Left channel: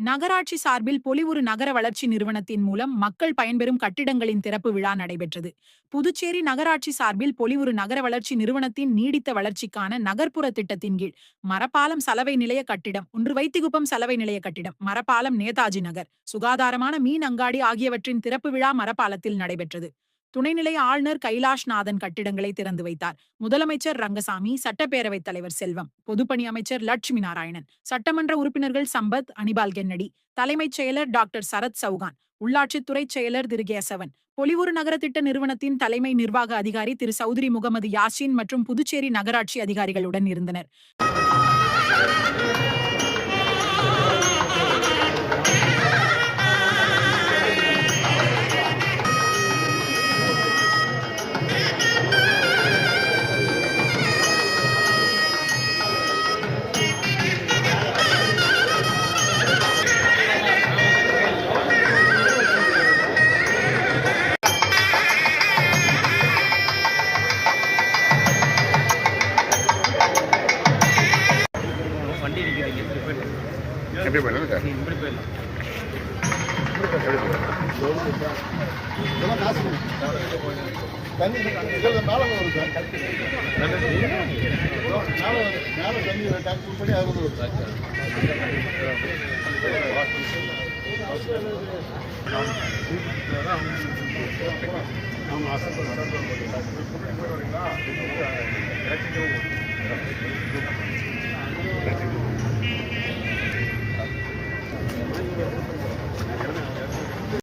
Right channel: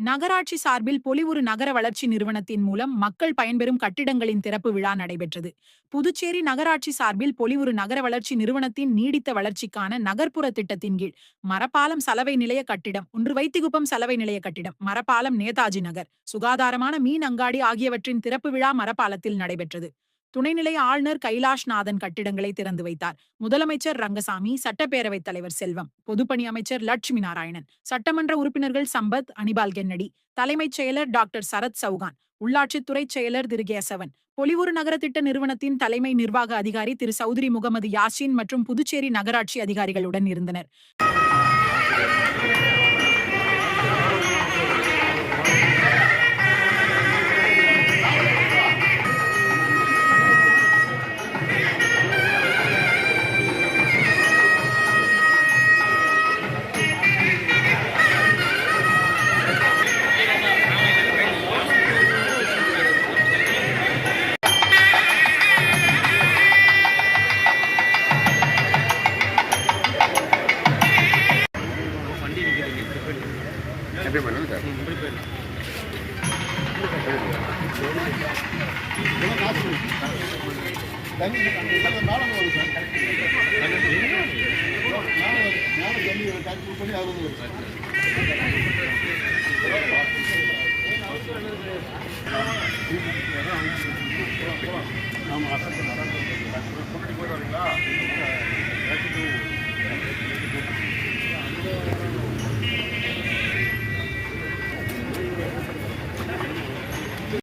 நகராட்சி சார்பில் பொலிவுறு நகர வளர்ச்சி நிறுவனத்தின் மூலம் மக்கள் பயன்பெறும் கட்டிடங்களின் திறப்பு விழா நடைபெற்றது. புதுச்சேரி நகராட்சி சார்பில் பொலிவுறு நகர வளர்ச்சி நிறுவனத்தின் நீடித்த வளர்ச்சிக்கான நகர்ப்புற திட்டத்தின் கீழ் மரப்பாலம் சலவை நிலைய கட்டிடம் ஒன்று வைத்திகுப்பம் சலவை நிலைய கட்டிடம் மரப்பாலம் நேதாஜி நகர் சுகாதாரமான மீன் அங்காடி ஆகியவற்றின் திறப்பு விழா மரப்பாலத்தில் நடைபெற்றது. துணைநிலை ஆளுநர் கைலாஷ்நாதன் கட்டிடங்களை திறந்து வைத்தார். முதலமைச்சர் ரங்கசாமி சட்டப்பேரவைத் தலைவர் செல்வம் பொதுப்பணி அமைச்சர் லட்சுமி நாராயணன் சட்டமன்ற உறுப்பினர்கள் சம்பத் அனிபால் கென்னடி தலைமைச் செயலர் டாக்டர் சரத் சௌகான் உள்ளாட்சித்துறை செயலர் திரு கேசவன் பொலிவுறு நகர திட்ட நிறுவனத்தின் தலைமை நிர்வாக அதிகாரி திரு சௌத்ரி முகமது யாசின் மற்றும் புதுச்சேரி நகராட்சி அதிகாரிகளுடன் இருந்தனர். எப்படி பண்ணுங்க சார். தண்ணி இதில்